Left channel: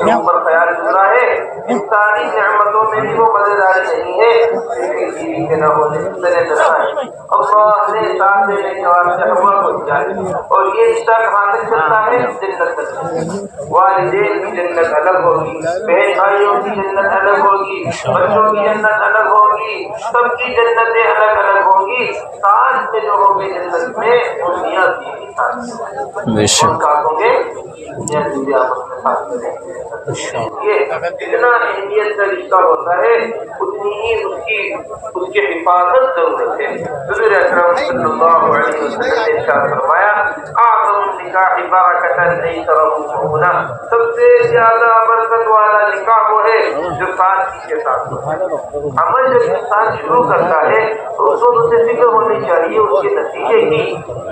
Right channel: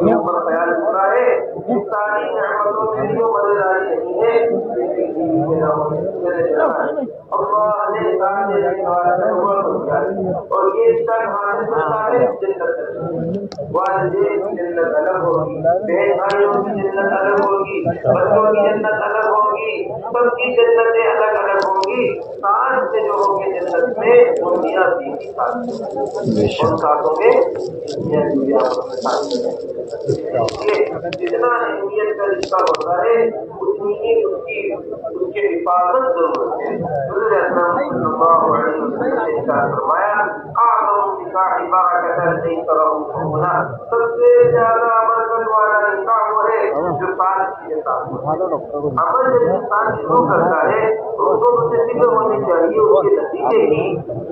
دوسروں پر خیال گزرا ہے، ان ساری نعمتوں میں بھی وہ مزیداری نہیں ہے جیسے بیوی کے نہ ہونے سے ڈرنا ہے۔ اللہ نے ساتھ دینے واسطے عمر کو دیا ہے، اور یہ رشتہ کہاں سے چلتا ہے؟ جنت سے۔ والدین کی جنت الگ ہوگی، بہن بھائیوں کی جنت الگ ہوگی، بچوں کی جنت الگ ہوگی، سب کی جنتیں الگ الگ ہوگی۔ ساتھ سے جو ہوگی جنت میں وہ میاں بیوی کے ساتھ ہیں، بے شک ساتھ ہوگے میاں بیوی آپس میں ساتھ ہیں۔ جتنا اہمیت کا رشتہ ہوتا ہے اتنی ہی اس کی حفاظت ضرورت ہے۔ حضور اکرم صلی اللہ علیہ وسلم نے ارشاد فرمایا اعظم النکاح برکۃ ایسرہ، سب سے زیادہ برکت والا نکاح وہ ہے جو سادگی کے ساتھ عمل جب انسان شروع کرتا ہے تو اسے فکر ہونی چاہیے اس کے نتیجے کی۔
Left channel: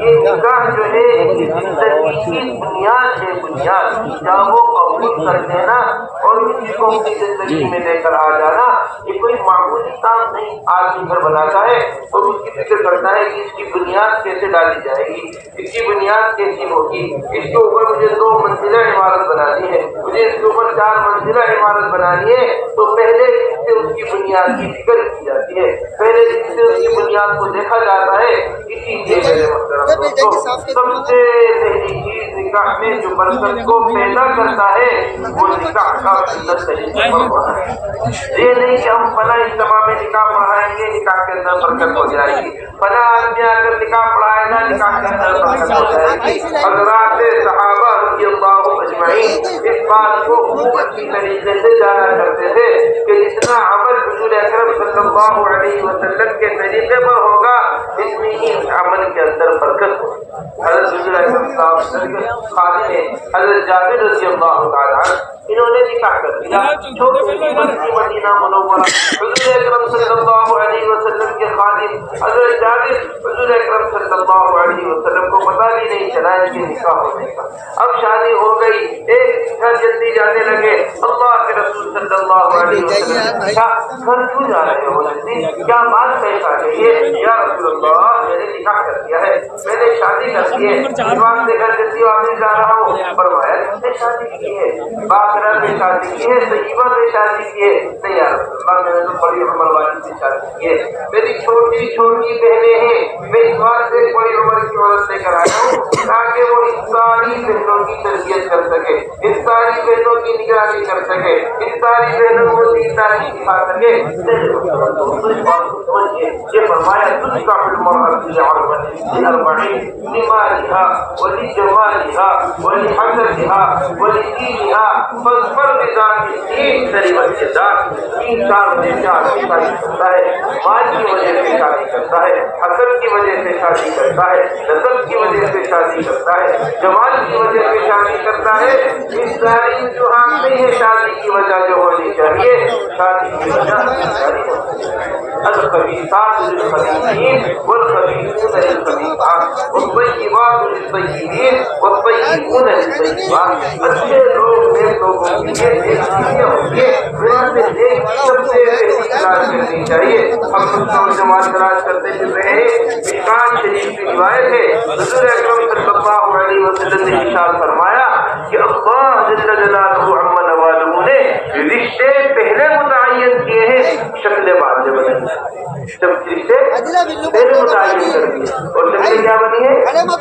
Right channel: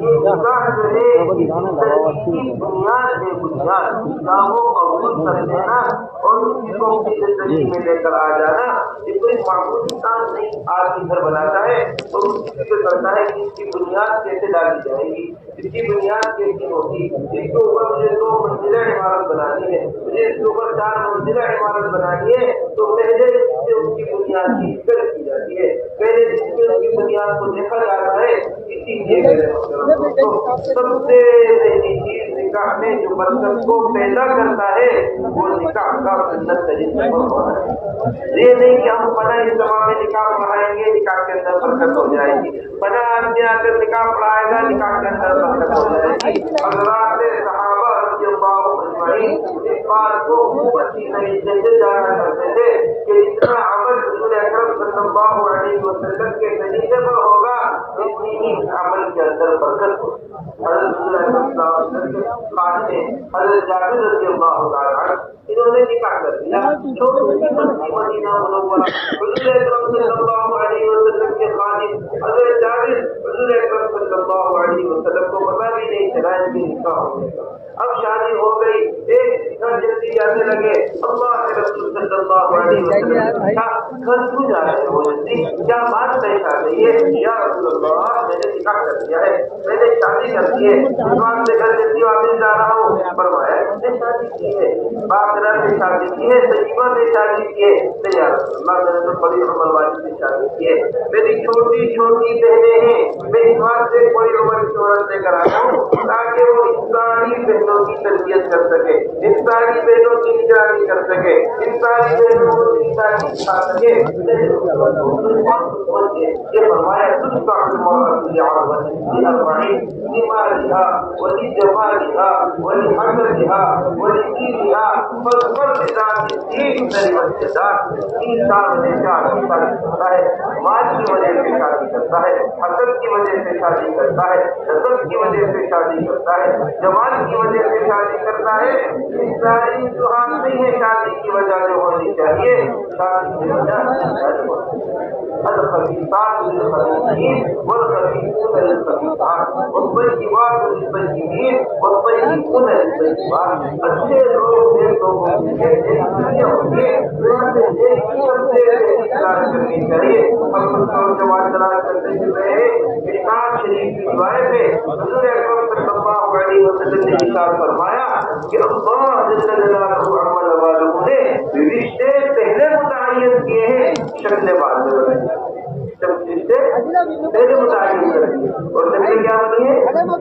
یہ نکاح جو ہے زندگی کی بنیاد ہے، بنیاد جہاں وہ قبول کر لینا اور کسی کو اپنی زندگی میں لے کر آ جانا یہ کوئی معمولی کام نہیں۔ آدمی گھر بناتا ہے تو اس کی فکر کرتا ہے کہ اس کی بنیاد کیسے ڈالی جائے گی، اس کی بنیاد کیسی ہوگی، اس کے اوپر مجھے 2 منزلہ عمارت بنانی ہے، مجھے اس کے اوپر 4 منزلہ عمارت بنانی ہے، تو پہلے اس سے اس کی بنیاد کی فکر کی جاتی ہے، پہلے اس سے اس کی بنیاد کو دیکھا جاتا ہے۔ اسی لیے سب سے پہلی چیز نکاح میں جو برکت کو پیدا کرتا ہے وہ نکاح کا اندر صحیح ہونا ہے۔ یہ نہیں کہ ہم فلاں اجتماع میں نکاح پڑھائیں گے نکاح کے اندر برکت ہو جائے گی، فلاں آدمی آ کر نکاح پڑھائے گا نکاح کے اندر برکت ہو جائے گی۔ حضرات صحابہ رضی اللہ اجمعین اس بات کو خوب اچھی طریقے سے جانا کرتے تھے کہ جتنا عمل حضور اکرم صلی اللہ علیہ وسلم کے طریقے پر ہوگا اتنی ہی اس عمل کے اندر برکت ہوگی۔ حضرت حضور اکرم صلی اللہ علیہ وسلم کے خادم حضرت جابر رضی اللہ تعالیٰ انہوں نے نکاح کر دیا، مدینہ منورہ۔ حضور اکرم صلی اللہ علیہ وسلم کے خادم حضرت جابر حضور اکرم صلی اللہ علیہ وسلم کو پتہ بھی نہیں چلا ان کے نکاح ہونے کا۔ اب شادی ہو گئی، ایک گھر جلدی جانے لگے، اللہ کے رسول صلی اللہ علیہ وسلم گھر کیوں جا رہے ہو جلدی، کیا بات پیش آ گئی ہے؟ یا رسول اللہ میں نے نکاح کر دیا ہے، میں نے شادی کر دی ہے، امام کے گھر جلدی واپس جا رہا ہوں۔ فرمایا نے شادی کی ہے، باقرہ نے شادی کی ہے، طیبہ نے شادی کی ہے؟ نہیں یا رسول اللہ میں نے تو بڑی عمر والی سے شادی کی ہے، میری چھوٹی چھوٹی بہنیں ہیں، میں اس بات سے بڑی عمر کی عورت لے کر آیا ہوں تاکہ وہ ان ساری بہنوں کی تربیت کر سکے، ان ساری بہنوں کی نگرانی کر سکے، ان ساری بہنوں کو دین تعلیم سکھا سکے۔ یہ فرمایا تجھ کا المرأة لأربع لمالها ولجمالها ولحسبها ولدينها فاظفر بذات الدين تربت يداك۔ انسان وجہ سے آدمی شادی کرتا ہے، مال کی وجہ سے شادی کرتا ہے، حسب کی وجہ سے شادی کرتا ہے، نسب کی وجہ سے شادی کرتا ہے، جمال کی وجہ سے شادی کرتا ہے۔ اس ساری وجوہات نہیں ہے شادی کی وجہ جو ہونی چاہیے، شادی کی وجہ الخبیثات للخبیثین والخبیثون للخبیثات والطیبات للطیبین والطیبون للطیبات۔ اچھے لوگ نیک لوگوں کے لیے ایک چیزیں ہوں گے، ان سے ایک سب سے بہترین تلاش کرنی چاہیے۔ ہم لوگ جماعت تلاش کرتے چل رہے ہیں۔ مشکات شریف کی روایت ہے حضور اکرم صلی اللہ علیہ وسلم نے ارشاد فرمایا کہ اللہ جل جلالہ عما نوالہ نے رشتے پہلے متعین کیے ہیں، شکل بعد میں بدل جب رشتے پہلے متعین کر دیے اور شکل کیا بنی ہے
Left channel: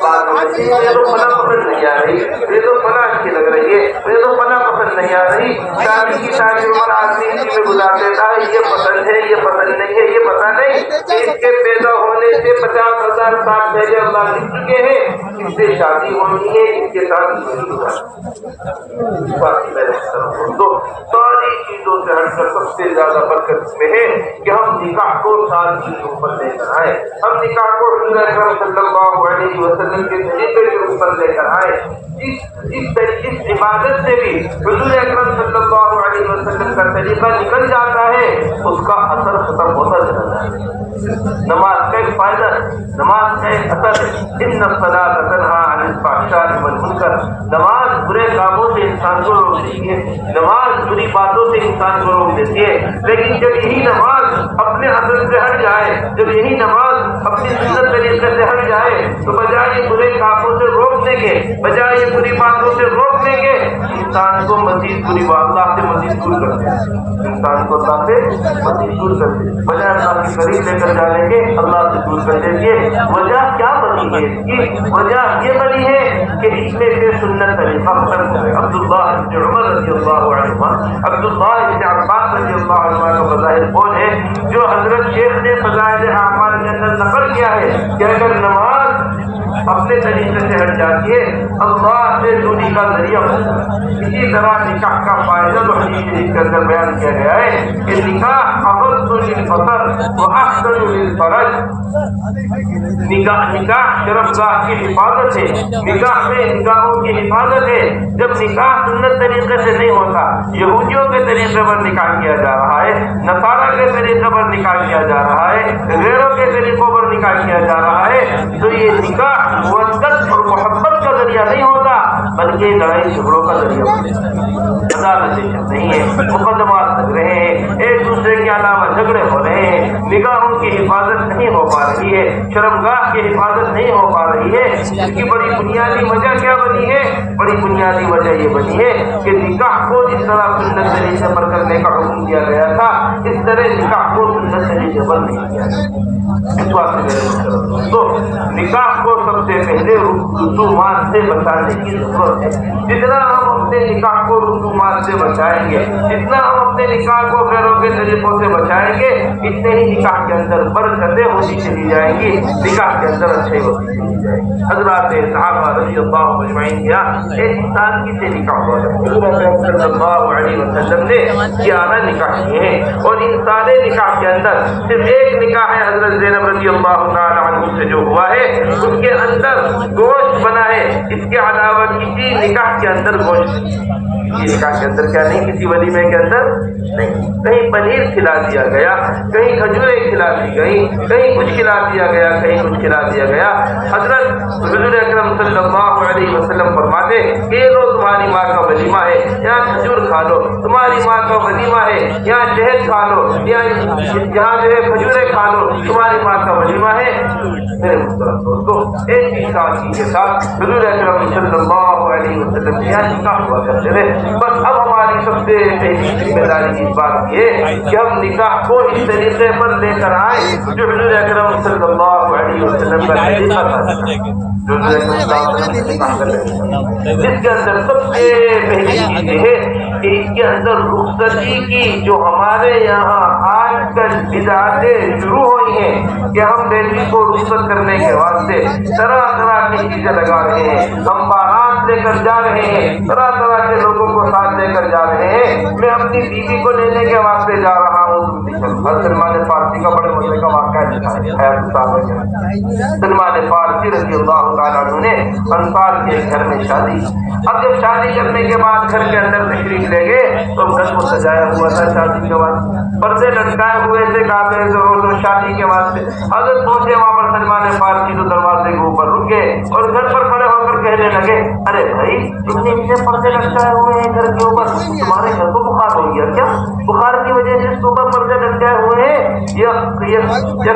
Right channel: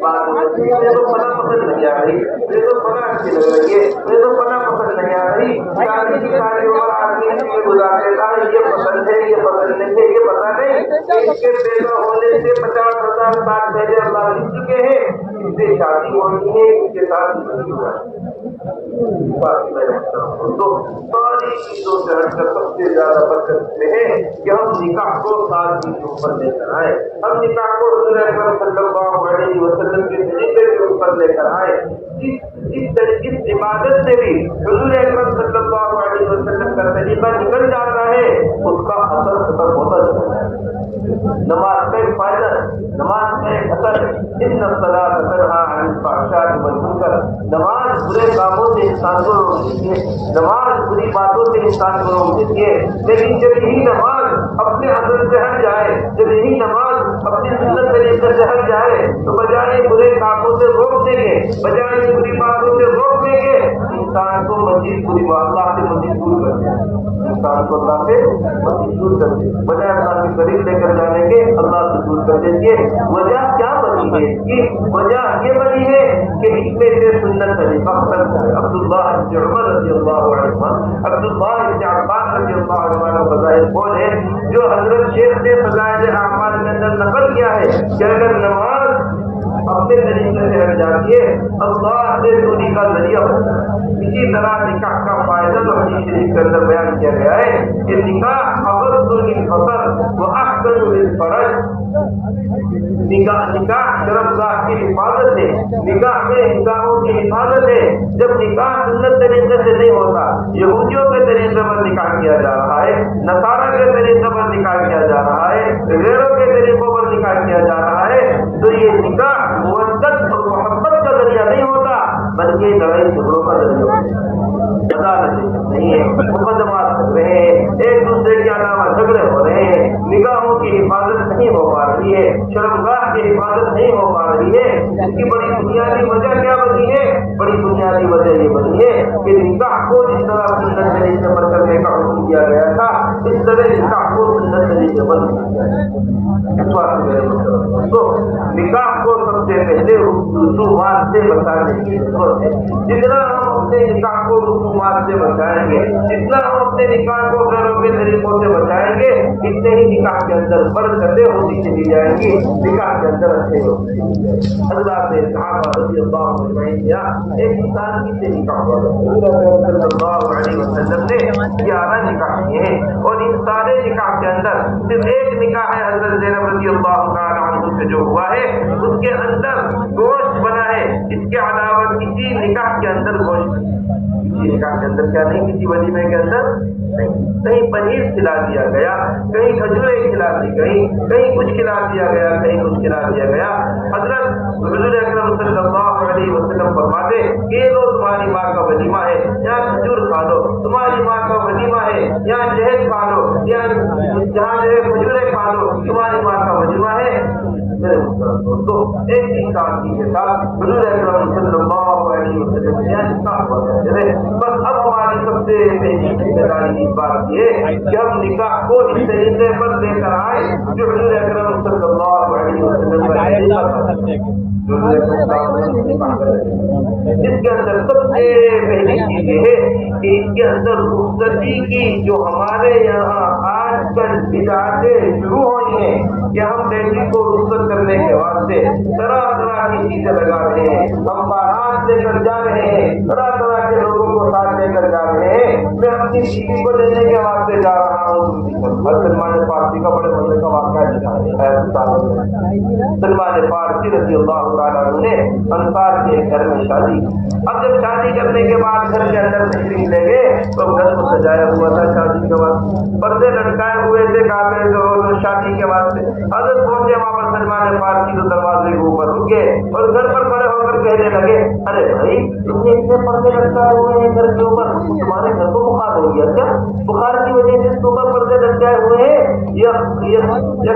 بعد میں۔ مجھے تو فلاں پسند نہیں آ رہی، مجھے تو فلاں اچھی لگ رہی ہے، مجھے تو فلاں پسند نہیں آ رہی۔ شادی کی ساری عمر آدمی اسی میں گزارتے تھا، یہ پسند ہے یہ پسند نہیں ہے، یہ پتہ نہیں کہ اس کے پیدا ہونے سے 50,000 سال پہلے اللہ لکھ چکے ہیں اس سے شادی ہونی ہے، اس کے ساتھ تو ساری چیزوں سے ہٹ کر سب سے زیادہ برکت میں ہے کہ ہم نکاح کو سادگی کے اوپر لے کر آئے، ہم نکاح کو حضور اکرم صلی اللہ علیہ وسلم کے طریقے کے اوپر لے کر آئے۔ جس عبادت سے بھی حضور اکرم صلی اللہ علیہ وسلم کا طریقہ نکل جاتا ہے اس کا اثر ختم ہوتا جاتا ہے۔ نماز کا ایک فائدہ ہے، نماز کا ایک اثر ہے، ان الصلاۃ تنہی عن الفحشاء والمنکر، نماز برے کاموں سے انسان کو روکتی ہے، نماز بری باتوں سے انسان کو روک دیتی ہے، لیکن جب یہی نماز اپنے اصل سے ہٹ جائے، جب یہی نماز اپنی سنت طریقے سے ہٹ جائے، تو بجائے برے کاموں سے روکنے کے، بجائے بری باتوں سے روکنے کے، انسان کو مزید بری اللہ سے مزید دور کر دے، انسان کو اللہ سے مزید دور کر دے، بجائے اللہ کے قریب لے کر جانے کے اللہ سے دور کر دے۔ وجہ کیا بنی ہے اس کی؟ وجہ یہ بنی ہے کہ اس میں سے سنت طریقہ ختم ہے۔ عبداللہ بن عمر رضی اللہ عنہ، عبداللہ بن عباس رضی اللہ عنہ کا بظاہر قول ہے جو حضرت شیخ نے فضائل اعمال کے اندر نقل کیا ہے کہ اگر نماز اپنے طریقے سے ہٹ جاتی ہے اللہ سے دوری کا ذریعہ ہوتا ہے۔ اسی طرح نکاح کا فائدہ تو حدیث شریف کے اندر بیان کیا گیا ہے کہ نکاح اغض للبصر واحسن للفرج، نکاح شرمگاہ کی حفاظت ہے، نکاح میں نگاہوں کی حفاظت ہے۔ جب نکاح سنت طریقے سے نہیں ہوتا، یہودیوں کے طریقے پر نکاح کیا جا رہا ہے، نصارہ کے طریقے پر نکاح کیا جا رہا ہے، غیروں کے طریقوں پر نکاح کیا جا رہا ہے، تو یہ نکاح مودت اور محبت کا ذریعہ نہیں ہوتا بلکہ لڑائی جھگڑوں کا ذریعہ ہوتا ہے۔ عدالتیں نہیں ہے، مقدمات لگ رہے ہیں، ایک دوسرے کے علاوہ جھگڑے ہو رہے ہیں، نگاہوں کی حفاظت نہیں ہو پا رہی ہے، شرمگاہ کی حفاظت نہیں ہو پا رہی ہے۔ اس کی بڑی بنیادی وجہ کیا بنی ہے؟ بڑی بنیادی وجہ یہ بنی ہے کہ نکاح کو جس طرح سنت طریقے پر کرنے کا حکم دیا گیا تھا اس طرح نکاح کو سنت طریقے پر نہیں کیا گیا۔ اس بات سے تو نکاح کو سب سے پہلے رسومات سے بچانے کی ضرورت ہے۔ جتنا ہم اپنے نکاح کو رسومات سے بچائیں گے، جتنا ہم اپنے نکاح کو غیروں کے طریقوں سے بچائیں گے، اتنے ہی نکاح کے اندر برکتیں ہوتی چلی جائیں گی، نکاح کے اندر اچھے ہوتی چلی جائیں گی۔ حضرات صحابہ رضی اللہ اجمعین کیا ایک انسان کی سے نکاح ہوا، حضور صلی اللہ علیہ وسلم نے 11 نکاح کیے ہیں، اور ان سارے نکاح کے اندر صرف ایک نکاح ہے حضرت زینب رضی اللہ تعالی عنہ سے جو ہوا ہے اس کے اندر گوشت بنا ہے، اس کے علاوہ کسی نکاح کے اندر گوشت نہیں، کسی نکاح کے اندر کیا نہیں، کسی ولیمے کے اندر نہیں، کہیں پنیر کھلا دیا گیا، کہیں کھجوریں کھلا دی گئی، کہیں کچھ کھلا دیا گیا، کہیں کچھ کھلا دیا گیا۔ حضرت حضور اکرم صلی اللہ علیہ وسلم فرماتے کہ یہ لو تمہاری ماں کا ولیمہ ہے، یہاں کھجور کھا لو، تمہاری ماں کا ولیمہ ہے، یہاں شہد کھا لو، یہاں جو ہے کھجوریں کھا لو، تمہاری ماں کا ولیمہ ہے۔ میرے محترم دوستو، ایک ہی ساتھی کے ساتھ حضور اکرم صلی اللہ علیہ وسلم کے یہاں نکاح ہوا کرتے تھے۔ بس اب ہماری سب سے پہلی ذمہ داری اس بات کی ہے کہ ہم نکاح کو اس طریقے پر لے کر آئے جو حضور اکرم صلی اللہ علیہ وسلم کا طریقہ تھا، جس کے اندر سب سے پہلی چیز یہ ہے کہ اس کے اندر رخصتی کی جو ہمارے یہاں آج کل بدعتیں شروع ہوئی ہیں کہ ہم بیٹی کو رخصت کرنے کے واسطے طرح طرح کی چیزیں لگا رہے ہیں، ہم بارات لے کر جا رہے ہیں، طرح طرح کے لوگوں کو ساتھ لے کر جا رہے ہیں۔ میں اپنی بیوی کو لینے کے واسطے جا رہا ہوں، سلمان فارسی کا بڑے ہونے کا واقعہ سلمان فارسی رضی اللہ تعالیٰ عنہ نے انصار کے گھر میں شادی، اب جب شادی کرنے کے بعد گھر کے اندر تشریف لے گئے تو گھر کو سجایا ہوا تھا شادی کے بعد، پردے لٹکائے ہوئے تھے کافر ضرور شادی کے واسطے۔ حضرت پہنچے وہاں پر سلمان فارسی تو دروازے کے اوپر رکے اور گھر پر کھڑے ہو کر کہنے لگے، ارے بھائی تم نے اتنے پردے لٹکائے ہوئے ہیں گھر کے اوپر، تمہارے گھر کو بخار ہو گیا کیا؟ بخار کی وجہ سے اس کے اوپر پردے لٹکائے ہوئے ہیں، یہ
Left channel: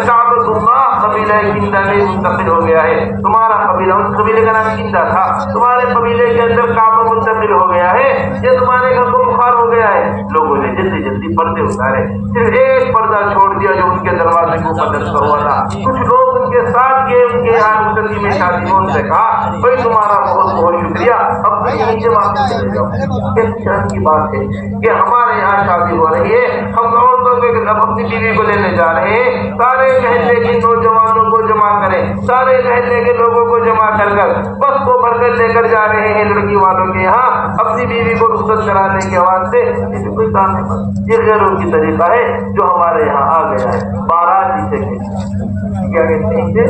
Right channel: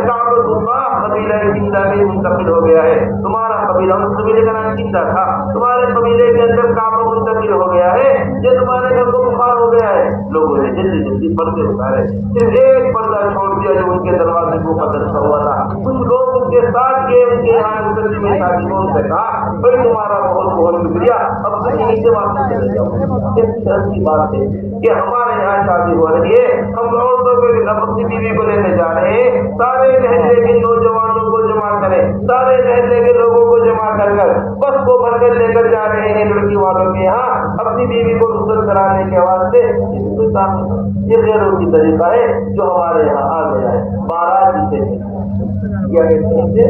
کعبۃ اللہ قبیلہ کندہ میں منتقل ہو گیا ہے، تمہارا قبیلہ اس قبیلے کا نام کندہ تھا، تمہارے قبیلے کے اندر کعبہ منتقل ہو گیا ہے، یہ تمہارے گھر کو بخار ہو گیا ہے۔ لوگوں نے جلدی جلدی پردے اتارے، صرف ایک پردہ چھوڑ دیا جو ان کے دروازے کو بدل کر ہوا تھا۔ کچھ لوگ ان کے ساتھ گئے، ان کے یہاں مسلم میں شادی، ان سے کہا بھائی تمہارا بہت بہت شکریہ، اب تم نیچے واپس چلے جاؤ۔ کس شرم کی بات ہے کہ ہمارے یہاں شادی ہو رہی ہے، ہم عورتوں کے اب اپنی بیوی کو لینے جا رہے ہیں، سارے محلے کے نوجوانوں کو جمع کریں، سارے محلے کے لوگوں کو جمع کر کر بس کو بھر کر لے کر جا رہے ہیں لڑکی والوں کے یہاں اپنی بیوی کو رخصت کرانے کے واسطے۔ یہ کوئی کام نہیں، یہ غیروں کی طریقہ ہے جو ہمارے یہاں آ گیا ہے، بارات جسے کیا کہتے ہیں،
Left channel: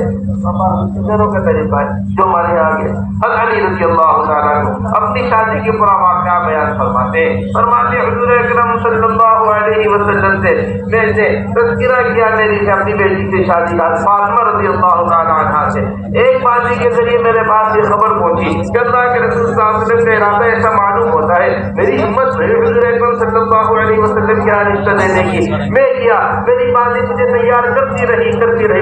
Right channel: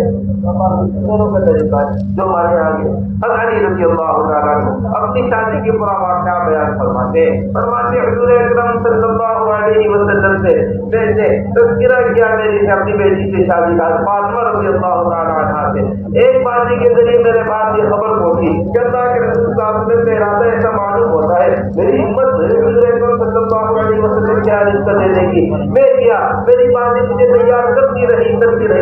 غیروں کا طریقہ ہے جو ہمارے یہاں آ گیا۔ حضرت علی رضی اللہ تعالیٰ عنہ اپنی شادی کے پورا واقعہ بیان فرماتے حضور اکرم صلی اللہ علیہ وسلم سے میں نے تذکرہ کیا میری اپنی بیٹی سے شادی کا، فاطمہ رضی اللہ تعالیٰ عنہ سے ایک بازی کے ذریعے میرے پاس یہ خبر پہنچی کہ اللہ کے رسول صلی اللہ علیہ وسلم کا ارادہ ایسا معلوم ہوتا ہے میری ہمت بھائی حضور اکرم صلی اللہ علیہ وسلم کے رشتہ دینے کی، میں کیا، میری والد مجھے تیار کرتی رہی،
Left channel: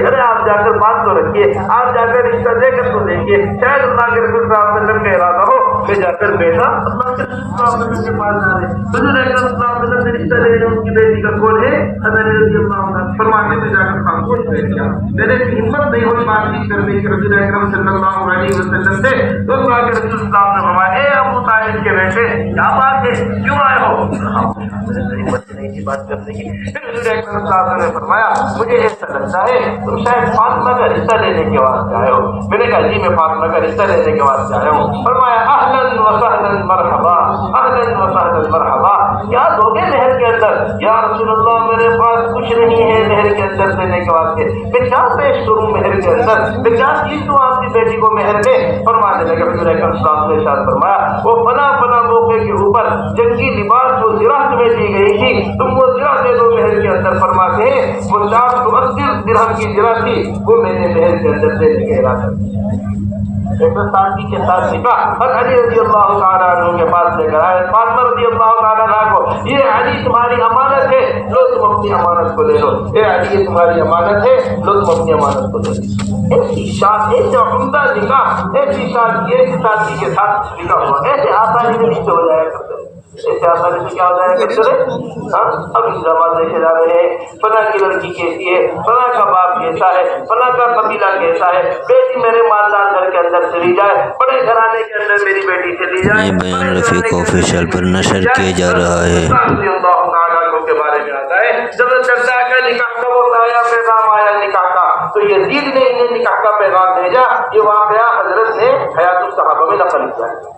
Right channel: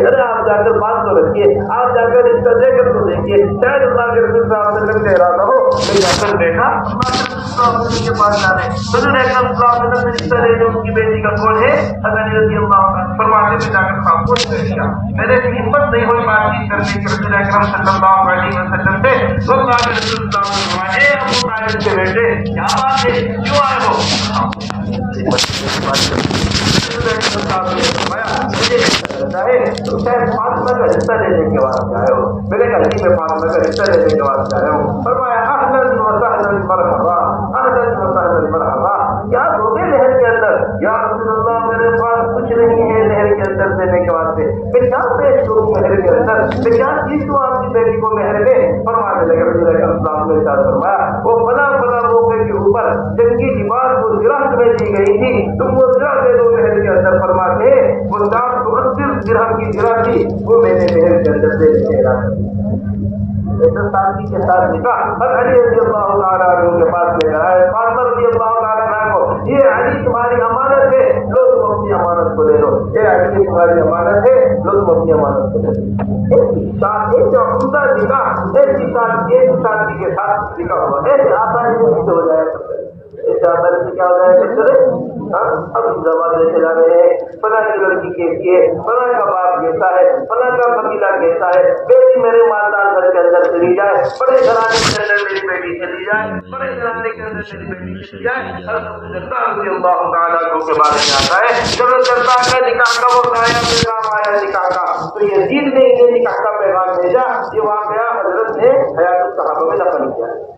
ارے آپ جا کر بات تو رکھیے، آپ جا کر رشتہ دے کر تو دیکھیے، شاید اللہ کے رسول صلی اللہ علیہ وسلم کا ارادہ ہو، میں جا کر بیٹھا اللہ کے رسول صلی اللہ علیہ وسلم کے پاس جا رہے، حضور اکرم صلی اللہ علیہ وسلم رشتہ لینے کی بیٹی کا کون ہے؟ حضرت رضی اللہ عنہ فرماتے تھے جا کر کام کو بیٹھ گیا، میرے ہمت نہیں ہوئی بات چیت کرنے کی رسول اکرم صلی اللہ علیہ وسلم سے، تو اللہ کے رسول صلی اللہ علیہ وسلم نے فرمایا اے ابو طالب کے بیٹے کیا بات ہے کیوں آئے ہو؟ فرمایا مجھے ایسا لگتا ہے تم شاید فاطمہ کا رشتہ لینے کے واسطے آئے ہو، میں نے کہا جی میں فاطمہ کا رشتہ لینے کے واسطے آیا ہوں، فرمایا اہلا و سہلا مرحبا، اہلا و سہلا مرحبا، کیا دو گے نہر کے اندر؟ یا رسول اللہ میرے پاس کچھ نہیں ہے نہر کے اندر دینے کے واسطے، میں کیا پیش کروں مہر کے اندر، میں کیا چیز دوں آپ کی بیٹی کو مہر میں؟ فرمانے لگے حضور اکرم صلی اللہ علیہ وسلم فرمایا وہ بنا بنا موقع کے اوپر جنگی لباس جو زرہ تمہیں دی گئی تھی تم وہ زرہ دے دو مہر کے اندر، فرماتے ہیں وہ 480 درہم کی زرہ تھی وہ میں نے مہر کے اندر دے دی ہے، ساتھی کے ساتھ نکاح اور علی رضی اللہ تعالیٰ عنہ کے پاس لے کر آئے، فاطمہ رضی اللہ تعالیٰ عنہ کو یہ علی تمہاری امانت ہے لو تم اپنی امانت کو لے لو، اے علی یہ تمہاری امانت ہے لو تم اپنی امانت کو لے لو۔ ایسی شادی ایسا عمدہ نکاح ایسی شادی ایک ساتھی کے ساتھ نکاح ہوا ایسے آسانی میں نہیں ہو جائے گا، ایسے آسانی سے کیا ہو جائے گا؟ ابھی زمان دیکھے جا رہے ہیں فلاں کی لڑکی کیسی ہے، فلاں کا باپ کیسا ہے، فلاں کا قبیلہ کیسا ہے، بیٹی میرے مالدار گھر کے اندر چلی جائے، بڑے گھرانے کے اندر میری بیٹی چلی جائے، یہ بیان رفیق آفیشیل پر نشر کیا جا رہا ہے۔ کے بارے میں آتا ہے جب دردا کا نکاح کا وہ آیا پیغام آیا نکاح کا، تو یزید نے انہیں نکاح کا پیغام بھیجا، یہ واقعہ حضرت نے حیات الصحابہ میں نقل کیا ہے۔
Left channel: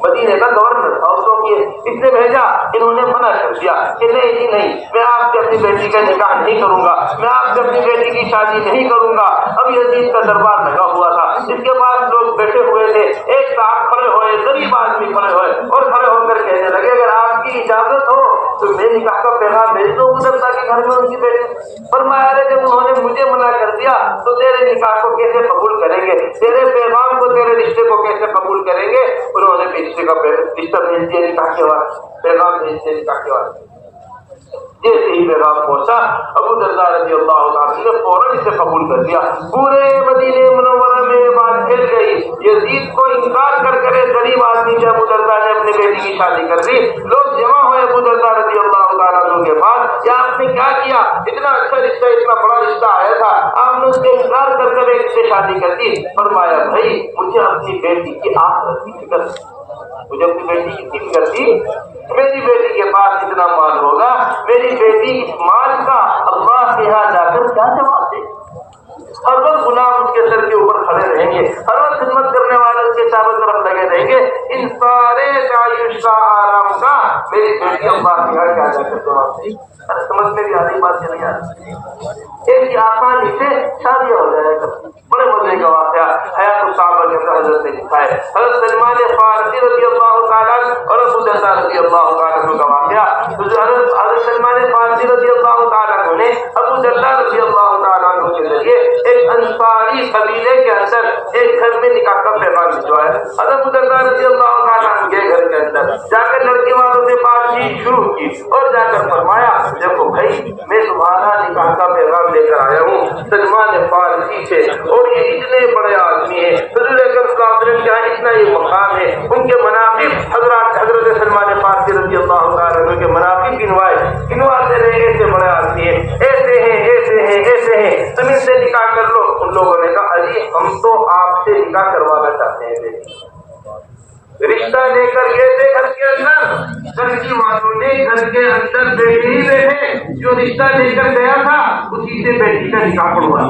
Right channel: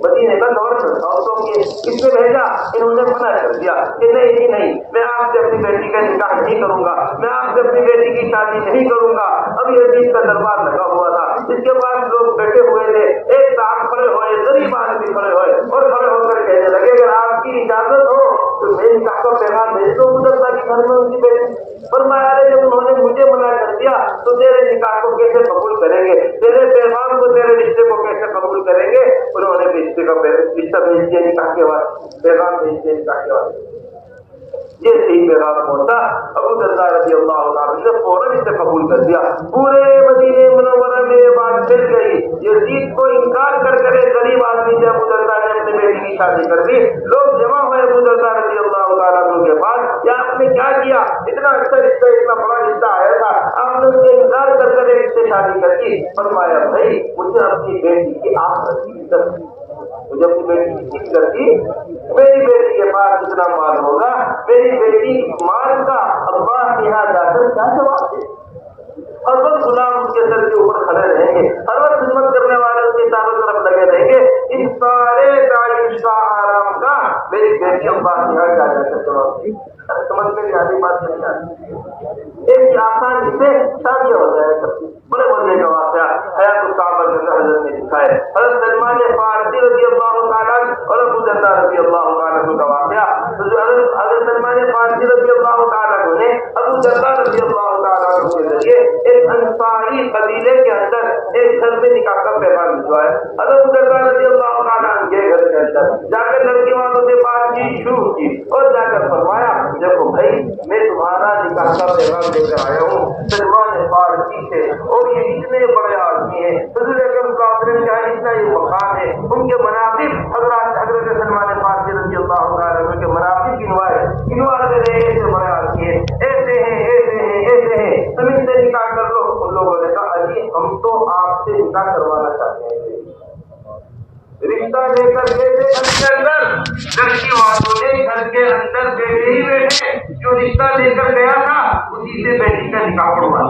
مدینے کا گورنر عورتوں کی اس نے بھیجا، انہوں نے منع کر دیا کہ نہیں نہیں میں آپ سے اپنی بیٹی کا نکاح نہیں کروں گا، میں آپ سے اپنی بیٹی کی شادی نہیں کروں گا۔ اب یزید کا دربار لگا ہوا تھا، اس کے بعد لوگ بیٹھے ہوئے تھے، ایک صاحب کھڑے ہوئے، غریب آدمی کھڑے ہوئے اور کھڑے ہو کر کہنے لگے اگر آپ کی اجازت ہو تو میں نکاح کا پیغام بھیج دوں گزرتا کے گھر میں ان کی بیٹی۔ فرمایا جب انہوں نے مجھے منع کر دیا تو تیرے نکاح کو کیسے قبول کریں گے، تیرے پیغام کو تیرے رشتے کو کیسے قبول کریں گے؟ انہوں نے بھی رشتے کا رشتہ بھیج دیا نکاح کے بعد، پیغام بھیج دیا نکاح کے بعد۔ جیسے ہی پیغام پہنچا ابو درداء رضی اللہ عنہ نے فوراً اسے قبول کر دیا۔ پورے مدینہ منورہ میں یہ بات پھیل گئی، یزید کو انکار کر کرے غریب آدمی کے ابو درداء نے اپنی بیٹی کی شادی کر دی۔ لوگ جمع ہوئے ابو درداء رضی اللہ عنہ کے پاس، کیا آپ نے کیا کیا؟ اتنا اچھا رشتہ، اتنا بڑا رشتہ آیا تھا، آپ نے اس کے انکار کر کر ایک سے شادی کر دی۔ فرمایا بھائی مجھے اپنی بیٹی کی آخرت کی فکر، مجھے اپنی بیٹی کی فکر تھی، میری بیٹی کے پاس اتنا مال ہوگا، میری بیٹی اس مال کا اللہ کے یہاں جا کر کیا جواب دے؟ ہر وقت غلام اس کے سر کے اوپر کھڑے رہیں گے، ہر وقت خدمت کرنے والے اس کے چاروں طرف لگے رہیں گے، ان سارے تعیش کا آرام کا میری بیٹی اللہ کے یہاں کیا جا کر جواب دے؟ سمجھ میں بھی آ رہی بات نہیں آ رہی؟ ایسی آسانی سے شادیاں ہو جائے گا۔ بڑے مزے کا واقعہ حیات الصحابہ کے اندر حضرت نے لکھا ہے، حضرت سلمان فارسی رضی اللہ تعالیٰ اور ابو درداء رضی اللہ تعالیٰ کا واقعہ۔ حضرت سلمان فارسی رضی اللہ تعالیٰ نے ابو درداء رضی اللہ تعالیٰ کے ذریعے ایک انصاری قبیلے کے اندر ایک گھر میں نکاح کا پیغام بھجوایا۔ حضرت ابو درداء رضی اللہ تعالیٰ کے گھر کے اندر جا کر لڑکی والوں سے بات چیت شروع کی اور جا کر فرمایا دیکھو بھائی میں تمہارا نکاح کا پیغام لے کر آیا ہوں سلمان فارسی سے، اور یہ اتنے بڑے آدمی ہیں، حضور اکرم صلی اللہ علیہ وسلم کا اتنا یہ مقام ہے، ان کے مناقب حضرت سلمان فارسی رضی اللہ عنہ کے مناقب گنواتے رہے، ایسے بڑے آدمی ہیں، ایسے ہیں ایسے ہیں ایسے ہیں، تم اس سے نکاح کر لو۔ ان لوگوں نے کہا علی ہم تو آپ سے نکاح کروانا چاہتے ہیں، رشتہ لے کر گئے تھے گھر کے اندر، گھر کی والوں نے گھر کے اندر بیٹھے ہی بیٹھے جو رشتہ لے کر گیا تھا اسی سے بیٹی کا نکاح پڑھوا۔